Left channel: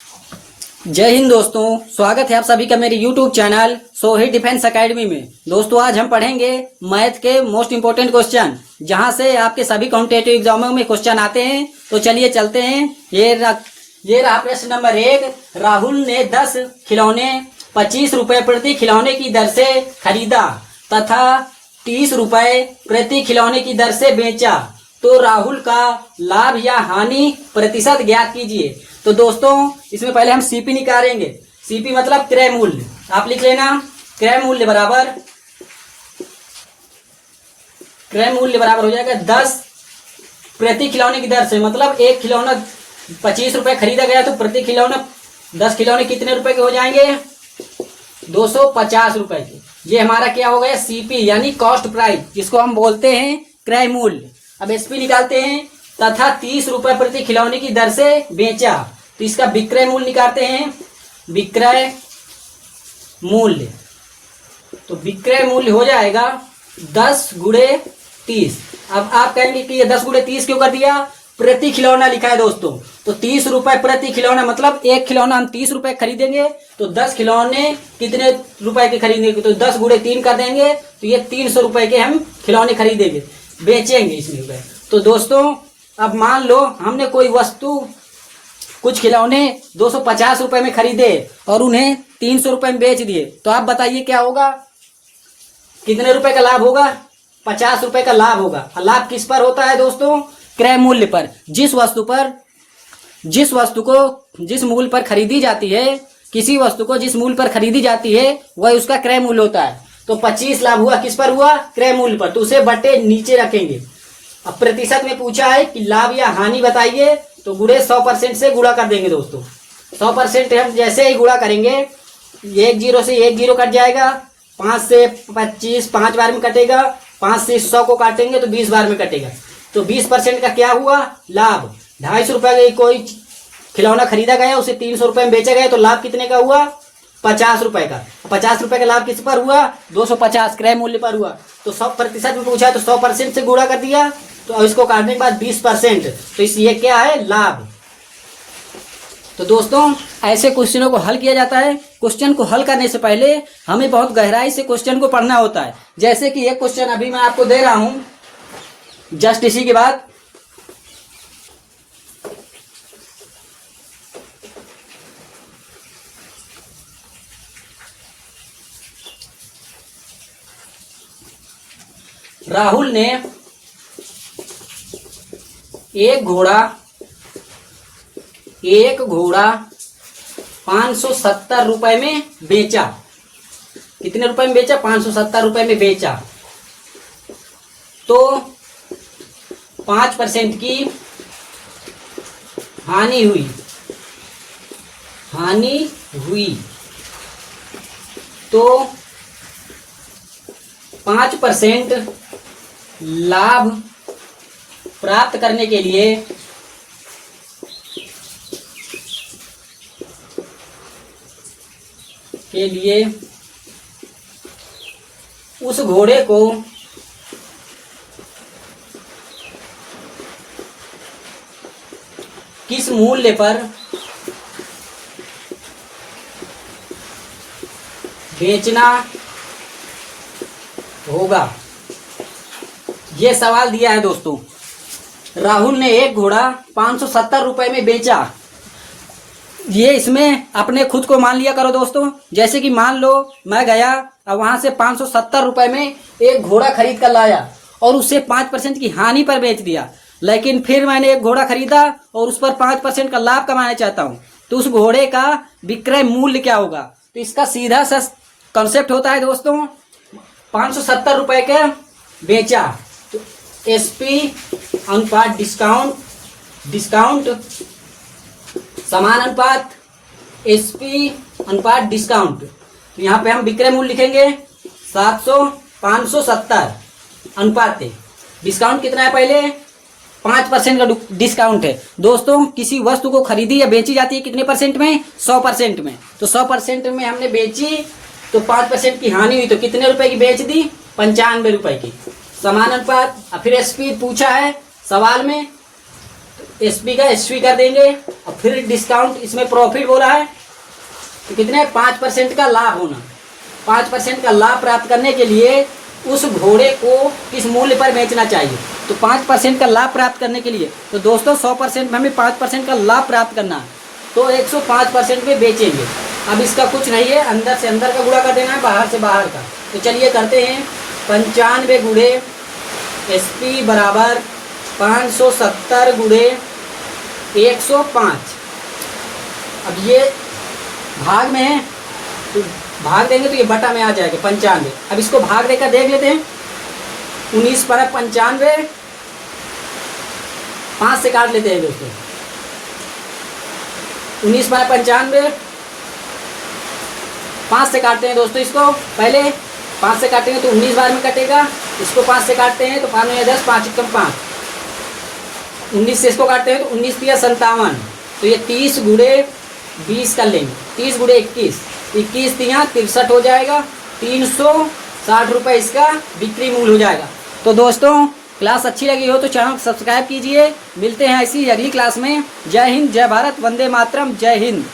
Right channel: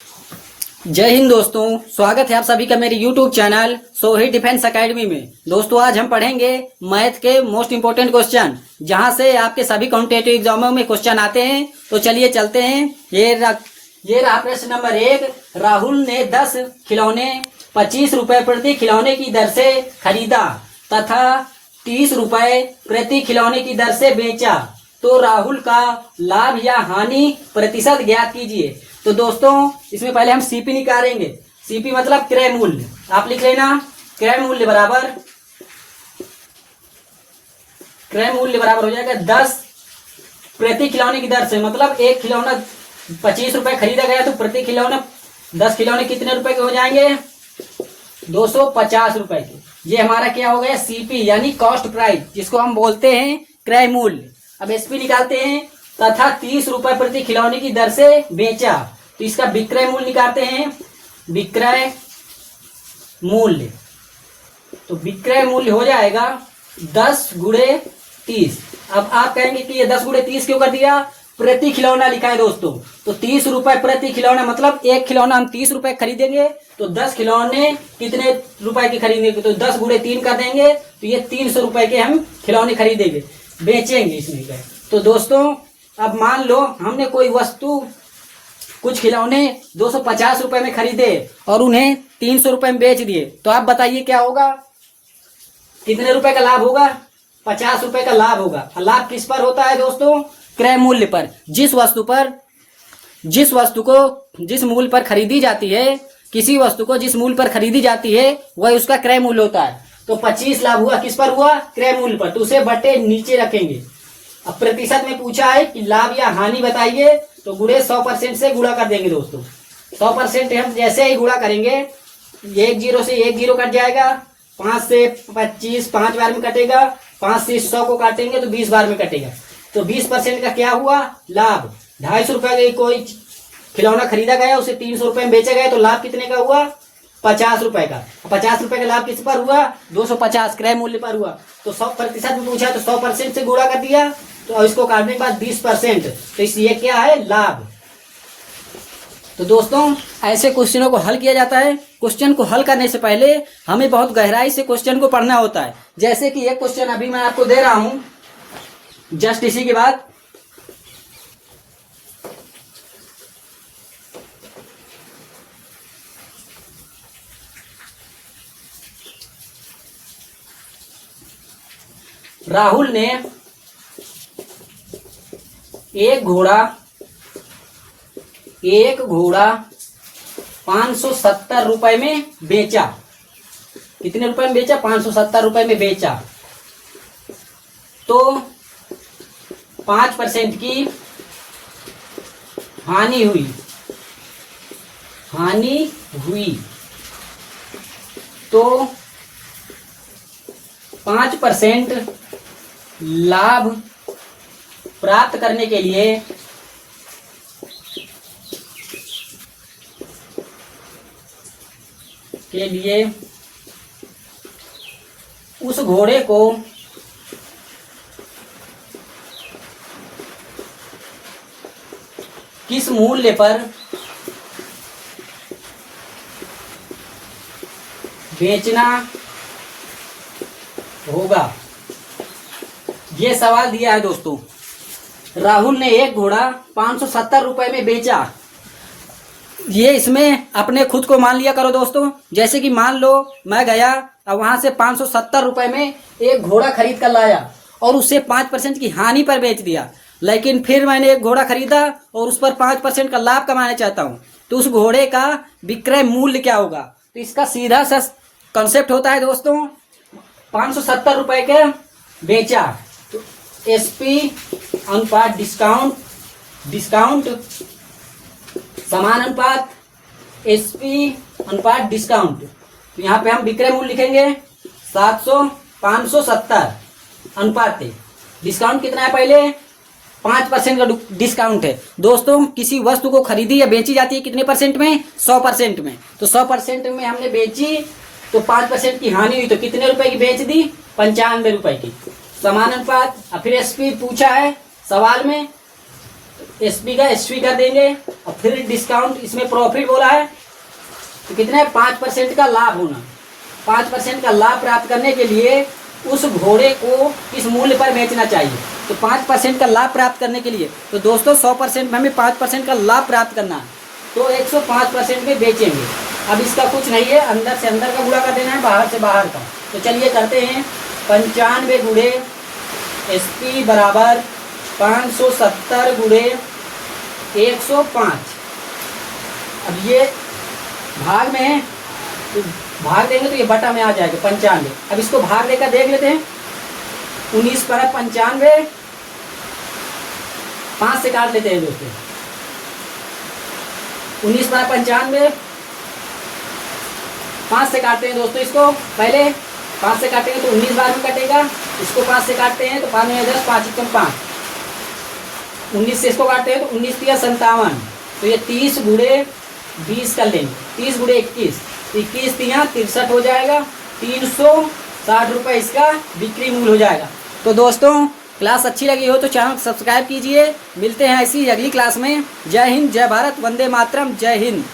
जय हिंद दोस्तों, स्वागत है आप सभी का मेरे YouTube channel Sohit defence academy में। दोस्तों आज हम पढ़ेंगे मैथ के मोस्ट इंपोर्टेंट क्वेश्चन, जहां से आपके सभी कॉम्पिटेटिव एग्जामों में क्वेश्चन आते हैं। तो चलिए चलते हैं। ये रहा प्रश्न नंबर 1। राहुल ने 10 खिलौने 25 रुपए प्रति खिलौने की दर से खरीदा तथा 30 रुपए प्रति खिलौने की दर से बेचा, तो राहुल का लाभ या हानि प्रतिशत ज्ञात कीजिए। तो दोस्तों इसमें पहले हम सीपी निकालेंगे। सीपी मतलब क्रय मूल्य। आप लिख लेना क्रय मूल्य बराबर हो जाएगा 10 प्रति खिलौने की दर से, मतलब एक खिलौना 25 रुपए खरीदा गया तो प्रति खिलौना 10 खिलौने कितने रुपए के हो जाएंगे? 250 रुपए के। ये हमारा क्या हो गया? सीपी यानी कॉस्ट प्राइस, जिसको हम बोलते हैं क्रय मूल्य। अब एसपी निकालते हैं। तथा 30 रुपए प्रति खिलौने की दर से बेचा, तो इसका विक्रय मूल्य निकालते हैं। विक्रय मूल्य, तो विक्रय मूल्य हो जाएगा 10 गुणे 30। अब आप कहेंगे कि ये 10 गुणे 30 क्यों कर दिया? प्रति खिलौना लिखा है दोस्तों, तो 30 रुपए प्रति खिलौना, मतलब एक खिलौना हम 30 रुपए खरीदेंगे तो 10 खिलौने कितने रुपए के खरीदेंगे? तो 10 गुणे 3 कर देंगे, तो ये 300 रुपए के हम खिलौने खरीदेंगे, बेचेंगे इसमें। तो दोस्तों अब मान लो हमने कोई वस्तु, कुछ खिलौने 250 रुपए में खरीदे और उन्हें 300 रुपए में बेच दिए, तो आप बताइए क्या होगा? कितने रुपए का लाभ होगा? 50 रुपए का लाभ होगा। लाभ किस पर होता है दोस्तों? क्रय मूल्य पर। जिस वस्तु को जिस मूल्य पर खरीदी जाती है, किसी वस्तु को जिस मूल्य पर खरीदी जाती है वह उसका क्रय मूल्य होता है। तो 25 लाभ हुआ, किस पर हुआ? क्रय मूल्य पर। तो उसे बटे नीचे रखेंगे। अब प्रतिशत में पूछा है कि लाभ या हानि बताइए, तो गुणे 100% से गुणा कर देंगे दोस्तों। 100% हम जैसे ही गुणा करेंगे, 1 0 से 1 0 कट जाएगा, 5 से 25 5 बार में कटेगा, 5 से 100 को काटेंगे तो 20 बार में कटेगा। तो 20% का क्या हुआ? लाभ। 250 रुपए का कोई खिलौना खरीदा गया, उसे 300 रुपए में बेचा गया, तो लाभ कितने का हुआ? 50 रुपए का। 50 रुपए का लाभ किस पर हुआ? 250 क्रय मूल्य पर हुआ। तो 100% में पूछा तो 100% से गुणा कर दिया, तो अब इसको काटने के बाद 20%, तो ये क्या है? लाभ। तो दोस्तों ऐसे क्वेश्चनों को हल किया जाता है। क्वेश्चन को हल करने से पहले हमें बहुत गहराई से क्वेश्चन को पढ़ना होता है। जैसे कि एक क्वेश्चन अभी मैं आपको दे रहा हूं, जस्ट इसी के बाद राहुल ने एक घोड़ा 570 रुपए में बेचा। कितने रुपए में बेचा? 570 रुपए में बेचा। तो 5% की हानि हुई। तो 5% लाभ प्राप्त करने के लिए उस घोड़े को किस मूल्य पर बेचना होगा? ये सवाल दिया है दोस्तों। राहुल ने एक घोड़ा 570 रुपए में बेचा। ये इसमें अपने खुद को मान लिया करो दोस्तों। जैसे कि मान लो मैं गया और वहां से 570 रुपए में एक घोड़ा खरीद कर लाया और उसे 5% की हानि पर बेच दिया। लेकिन फिर मैंने एक घोड़ा खरीदा और उस पर 5% का लाभ कमाना चाहता हूं, तो उस घोड़े का विक्रय मूल्य क्या होगा? तो इसका सीधा सा कॉन्सेप्ट होता है दोस्तों, 570 रुपए के बेचा, तो एसपी अनुपात डिस्काउंट समान अनुपात एसपी अनुपात डिस्काउंट। तो यहाँ पे हम विक्रय मूल्य लिखेंगे 570 अनुपात डिस्काउंट कितना है? पहले 5% का डिस्काउंट है दोस्तों। किसी वस्तु को खरीदी या बेची जाती है कितने परसेंट में? 100% में। तो 100% में हमने बेची तो 5% की हानि हुई, तो कितने रुपए की बेच दी? 95 रुपए की। समान अनुपात। फिर एसपी पूछा है सवाल में एसपी का एसपी कर देंगे और फिर डिस्काउंट, इसमें प्रॉफिट बोला है तो कितने 5% का लाभ होना। 5% का लाभ प्राप्त करने के लिए उस घोड़े को किस मूल्य पर बेचना चाहिए। तो 5% का लाभ प्राप्त करने के लिए तो दोस्तों 100% में हमें 5% का लाभ प्राप्त करना है, तो 105% में बेचेंगे। अब इसका कुछ नहीं है, अंदर से अंदर का गुणा कर देना है, बाहर से बाहर का। तो चलिए करते हैं। 95 गुणे एसपी बराबर 570 गुणे 105। अब ये भाग में है तो भाग देंगे तो ये बटा में आ जाएगा 95। अब इसको भाग देकर देख लेते हैं। 19 पर 95, 5 से काट लेते हैं दोस्तों। 19 पर 95, 5 से काटते हैं दोस्तों। इसको पहले 5 से काटेंगे तो 19 बार में कटेगा। इसको 5 से काटते हैं तो 5 में 10, 5 कम 5, 19 से इसको काटते हैं तो 19 तिया 57। तो ये 30 गुणे 20 कर लेंगे। 30 गुणे 21, 21 तिया 63 हो जाएगा। 360 रुपये इसका बिक्री मूल्य हो जाएगा। तो दोस्तों क्लास अच्छी लगी हो तो चैनल सब्सक्राइब कीजिए। मिलते हैं ऐसी अगली क्लास में। जय हिंद, जय भारत, वंदे मातरम, जय हिंद।